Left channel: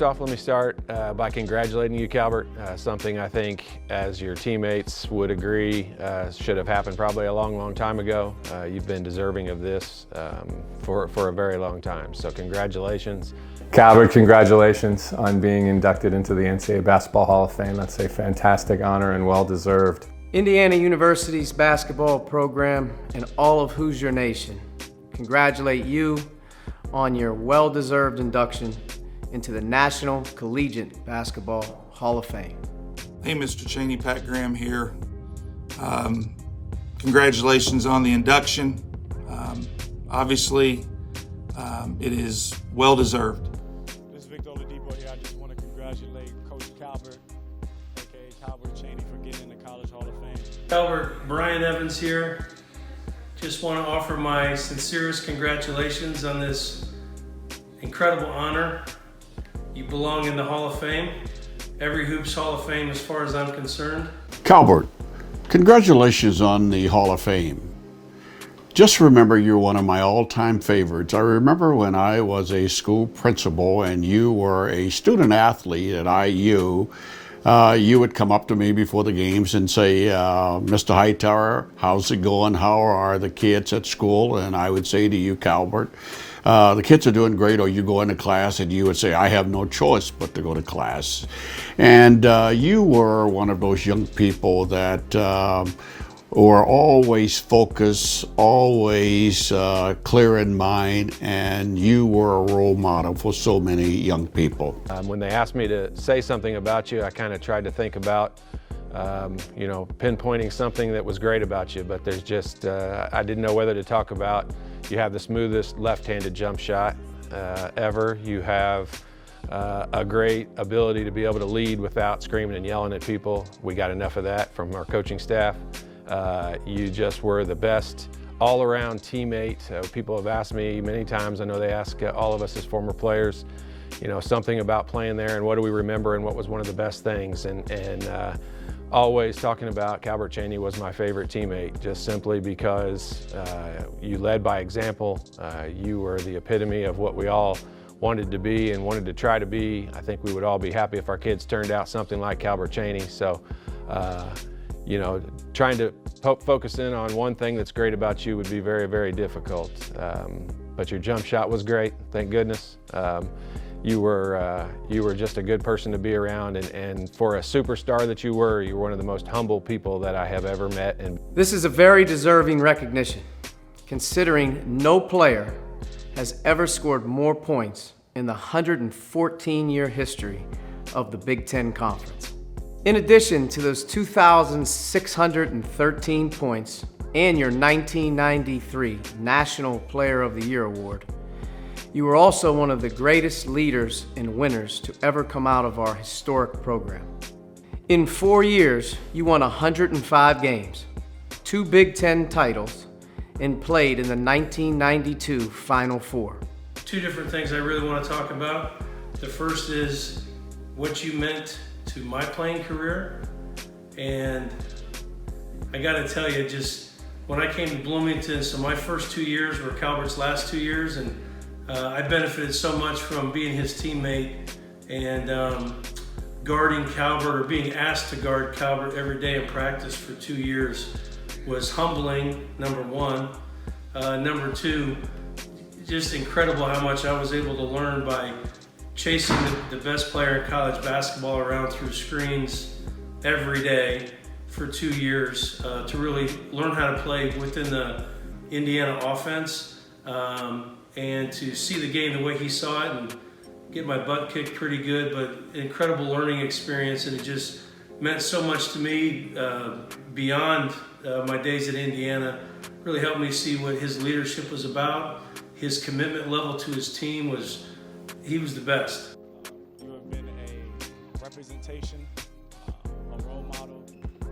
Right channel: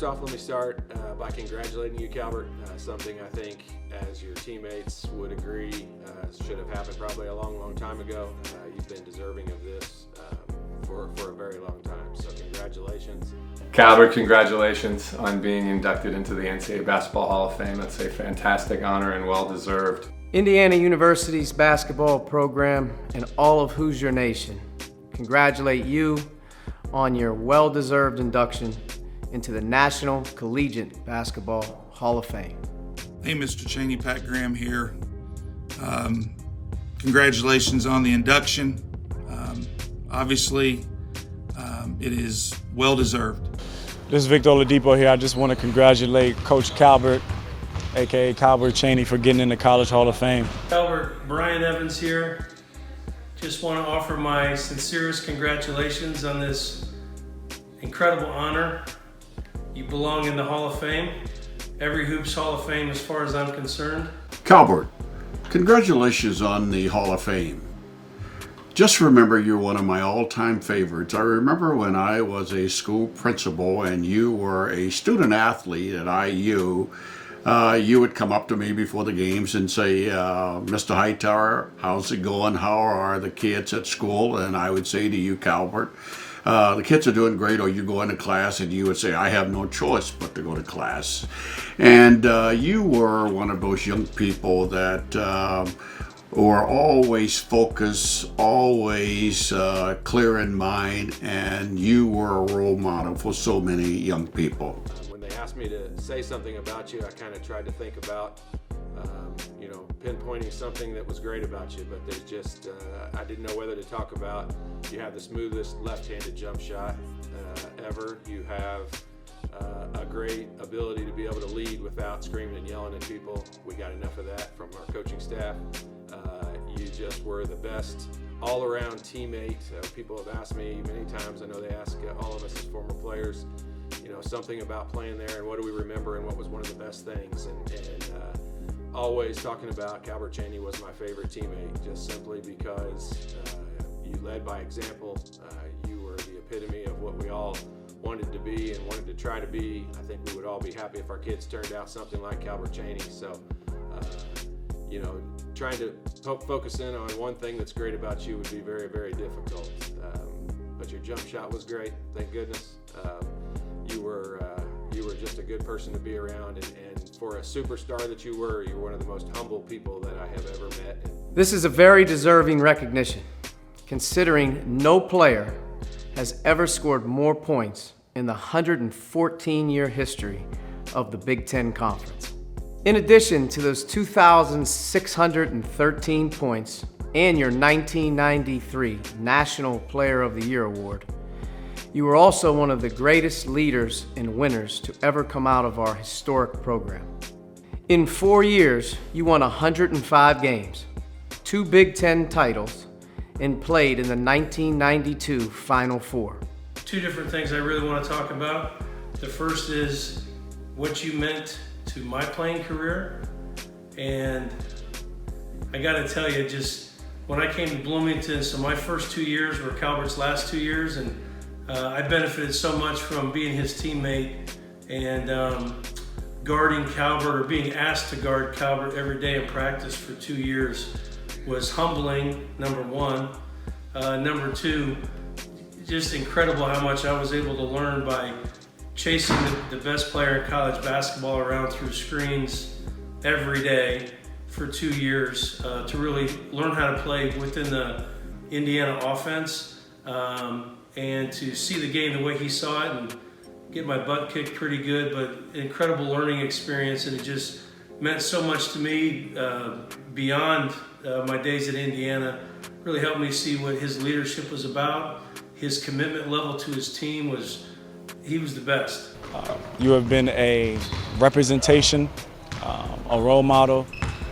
First off, let me start by congratulating you, Calbert. Something I think, as your teammates would agree, should have happened probably a long, long time ago. You've been deserving of this for a very long time, so congratulations. Calbert, congratulations on being inducted into the NCAA Basketball Hall of Fame. That's a fantastic honor and well-deserved. Indiana University's basketball program and all of Hoosier Nation congratulate you on your well-deserved induction into the National Collegiate Basketball Hall of Fame. Hey, Mr. Cheaney, Pat Graham here. Congratulations on the induction. Obviously, it is well-deserved. This is Victor Oladipo here. I just want to congratulate Coach Calbert, aka Calbert Cheaney, for getting in the College Hall of Fame. Calbert, Brian Evans here. Just want to offer my sincerest congratulations on this incredible honor. You belong in the Hall of Fame. Every Hoops Hall of Fame as far as I'm concerned. Calbert, congratulations on the Hall of Fame. Just remember, you're one of my all-time favorites. I remember when I was a school principal and you were a student athlete at IU, you would come up to me before the games and say, Mr. Hightower, how's it going? How are the kids at school? And I would say to you, Calbert, the kids are doing great. Or you go into class and you would say, I have no choice but to go to class. And you were one of those young people that were always focused, always clear in mind, and you were a role model for so many young people. When they asked me to say something about you, I kind of tried to think about, pinpointing something that was great about you, but there's just, I didn't know whether to talk about, you have the smoothest left-handed jump shot ever. You have a great ability to be able to lead without screaming and yelling at people. We got enough of that from our coaching staff. You just were the best all-around teammate. People have asked me many times, I know they ask all of us as former players, something about playing there and what do we remember and what was one of the best things. And always talking about Calbert Cheaney was my favorite teammate, just simply because you led by example. You were the epitome of what we all wanted to be and wanted to try to be. I think we would all be happy if our kids turned out something like Calbert Cheaney. So, trying to focus in on one thing that's great about you would be very, very difficult. But your jump shot was great, thank goodness. You were just a good person to be around, and for a superstar that you were one of the most humble people that I have ever met. And This is a very deserving recognition, considering no player has ever scored more points in the 114-year history of the Big Ten Conference. In addition to those 2,613 points and your 1993 National Player of the Year award, you were also one of the greatest leaders and winners to ever come out of our historic program. In 4 years, you won 105 games, 2 Big Ten titles, and played in the 1992 Final Four. Two different things I really want to talk about. The first is what you meant to my playing career, and I got to tell you, just when I came to Bloomington, so my first 2 years were Calbert's last 2 years, and I benefited so much from being his teammate and guarding Calbert, or being asked to guard Calbert every day in practice for 2 years was humbling, number one. Number two, just incredible how much I was able to learn by chasing the best player in college basketball around through screens every day for 2 years to really learn how to play within the Indiana offense and to see the game the way he saw it and get my butt kicked pretty good, but incredible learning experience, and it just meant so much to me beyond my days at Indiana. Really helped me see what his leadership was about. His commitment level to his team he was the best. You have been a representation, a role model,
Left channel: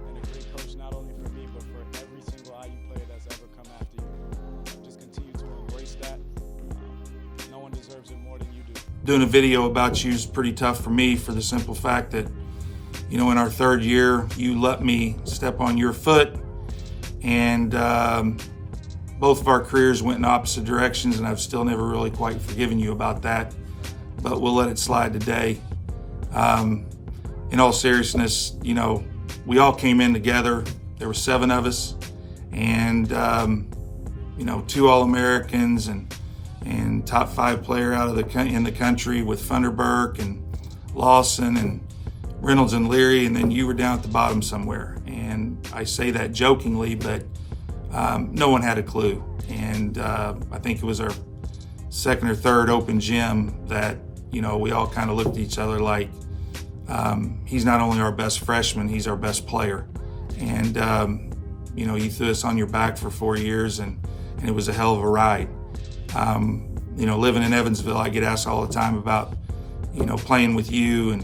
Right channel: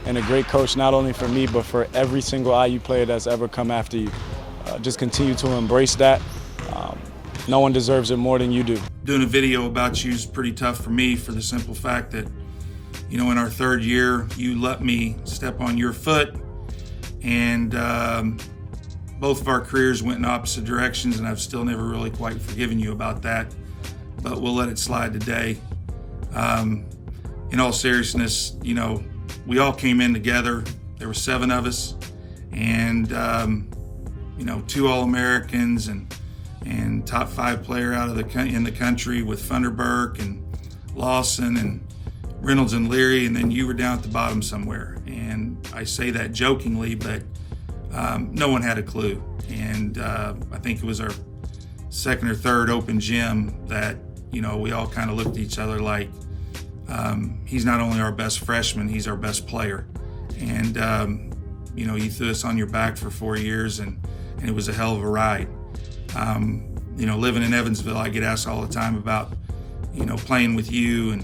and a great coach, not only for me, but for every single IU player that's ever come after you. Just continue to embrace that. No one deserves it more than you do. Doing a video about you is pretty tough for me, for the simple fact that, in our third year, you let me step on your foot, and both of our careers went in opposite directions, and I've still never really quite forgiven you about that. but we'll let it slide today. In all seriousness, you know, we all came in together. There were 7 of us, and you know, 2 All-Americans and top 5 player out of in the country with Funderburk and Lawson and Reynolds and Leary, and then you were down at the bottom somewhere. And I say that jokingly, but no one had a clue. And I think it was our second or third open gym that, you know, we all kind of looked at each other like, he's not only our best freshman, he's our best player. And, you know, you threw us on your back for 4 years, and it was a hell of a ride. You know, living in Evansville, I get asked all the time about, you know, playing with you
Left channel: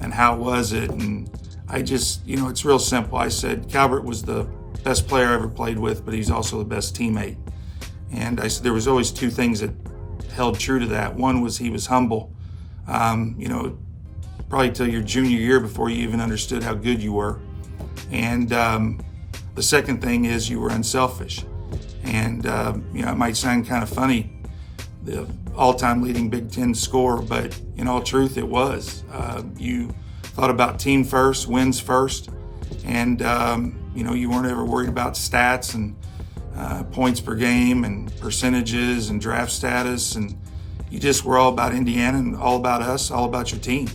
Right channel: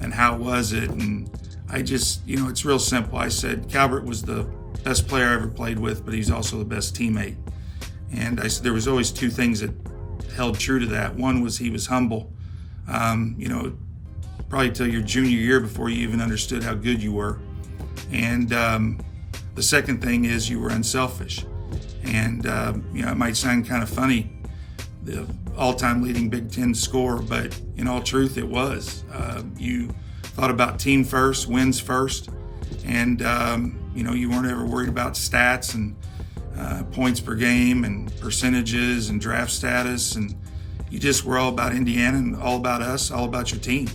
and how was it? And I just, you know, it's real simple. I said, Calbert was the best player I ever played with, but he's also the best teammate. And I said there was always 2 things that held true to that. One was he was humble, you know, probably till your junior year before you even understood how good you were. And the second thing is you were unselfish. And, you know, it might sound kind of funny, the all-time leading Big Ten scorer, but in all truth, it was. You thought about team first, wins first, and, you know, you weren't ever worried about stats and points per game and percentages and draft status, and you just were all about Indiana and all about us, all about your team.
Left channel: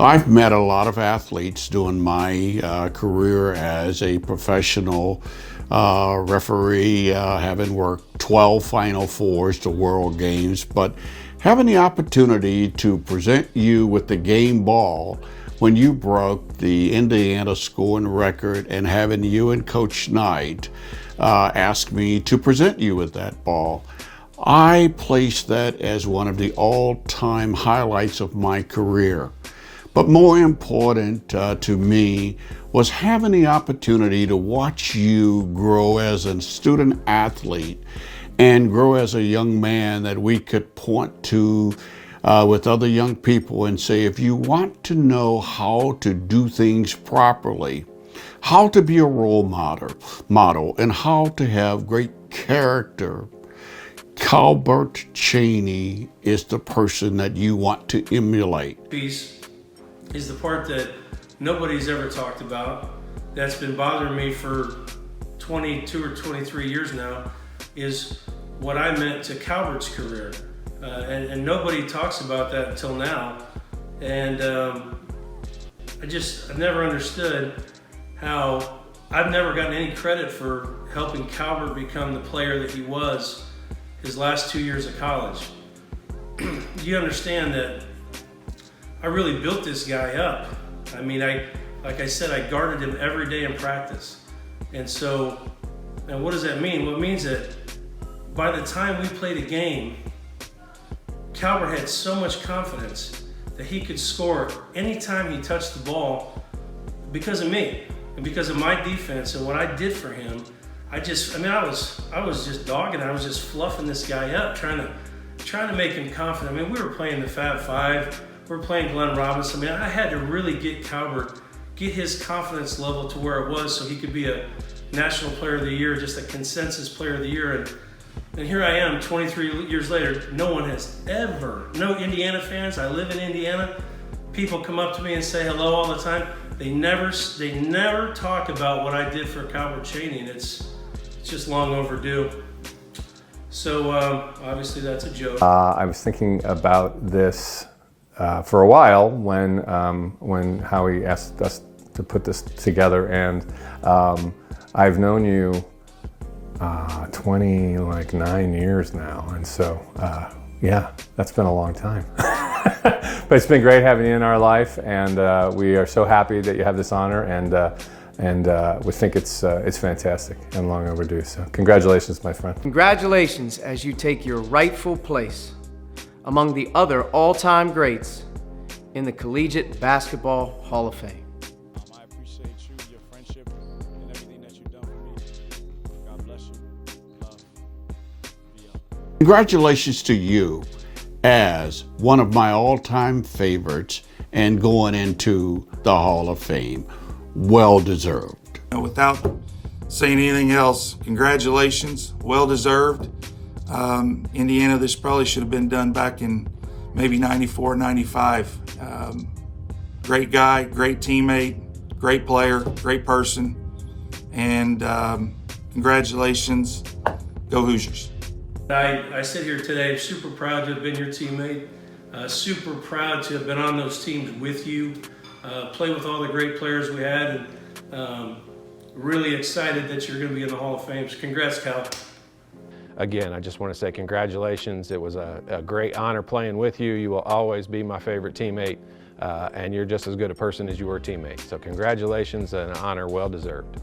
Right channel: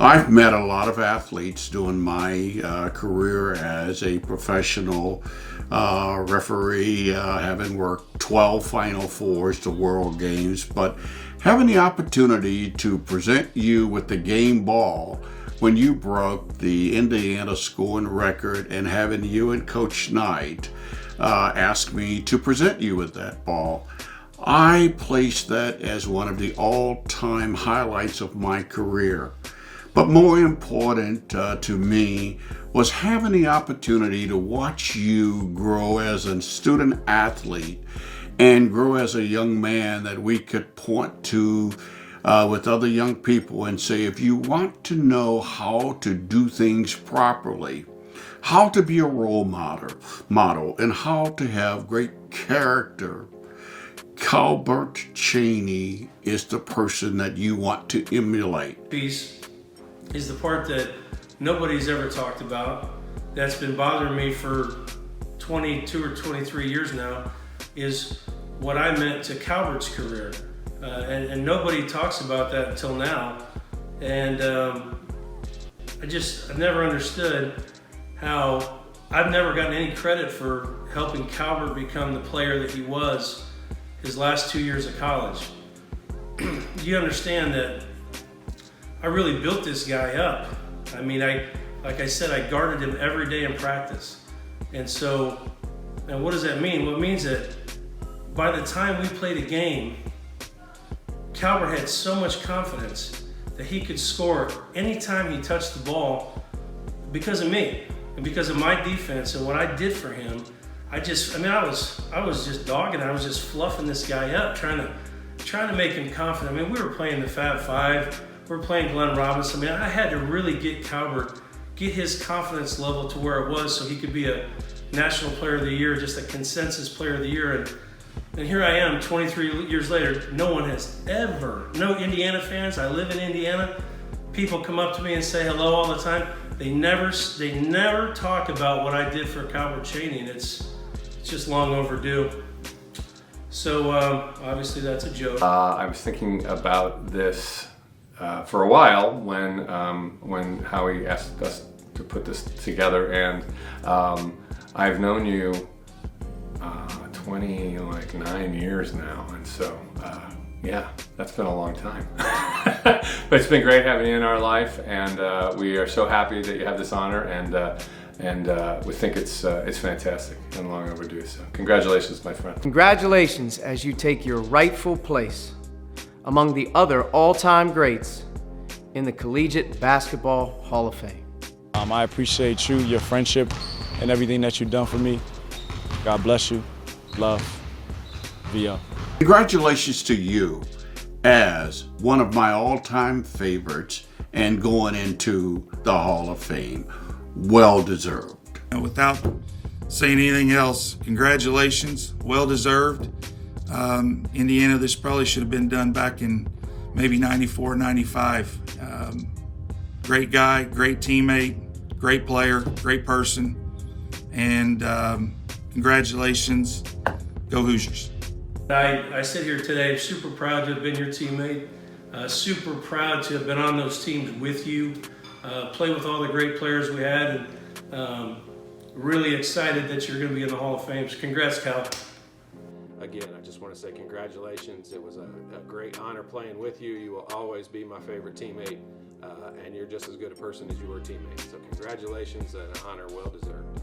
I've met a lot of athletes during my career as a professional referee, having worked 12 Final Fours to World Games, but having the opportunity to present you with the game ball when you broke the Indiana scoring record, and having you and Coach Knight ask me to present you with that ball, I place that as one of the all-time highlights of my career. But more important to me was having the opportunity to watch you grow as a student athlete and grow as a young man that we could point to with other young people and say, if you want to know how to do things properly, how to be a role model, and how to have great character, Calbert Cheaney is the person that you want to emulate. Piece is the part that nobody's ever talked about, that's been bothering me for 22 or 23 years now, is what I meant to Calbert's career. And nobody talks about that until now. And I've never understood how I've never gotten any credit for helping Calbert become the player that he was his last 2 years of college. You understand that I really built this guy up. I mean, like I said, I guarded him every day in practice. And so, now what does that mean? Well, it means that by the time we played a game, Calbert had so much confidence that he could score anytime he touched the ball because of me and because of my defense and what I did for him. I was just dogging. I was just fluffing this guy up, trying to make him confident. I mean, we were playing the Fab Five. We were playing Glenn Robinson. I mean, I had to really get Calbert, get his confidence level to where it was so he could be a National Player of the Year, just a consensus Player of the Year. And here I am, 23 years later. No one has ever, no Indiana fans. I live in Indiana. People come up to me and say hello all the time. They never talk about what I did for Calbert Cheaney, and it's just long overdue. So obviously that's a joke. I was thinking about this for a while when Howie asked us to put this together, and I've known you 29 years now, and so yeah, that's been a long time. But it's been great having you in our life, and we are so happy that you have this honor, and we think it's fantastic and long overdue. So congratulations, my friend. Congratulations as you take your rightful place among the other all-time greats in the Collegiate Basketball Hall of Fame. I appreciate you, your friendship, and everything that you've done for me. God bless you. Love. VO. Congratulations to you as one of my all-time favorites and going into the Hall of Fame. Well deserved. Without saying anything else, congratulations, well deserved. Indiana, this probably should have been done back in maybe 94, 95. Great guy, great teammate, great player, great person, and congratulations. Go Hoosiers. I sit here today super proud to have been your teammate, super proud to have been on those teams with you, play with all the great players we had, and really excited that you're going to be in the Hall of Fame. So congrats, Cal. Again, I just want to say congratulations. It was a great honor playing with you. You will always be my favorite teammate, and you're just as good a person as you were a teammate. So congratulations, and an honor well deserved.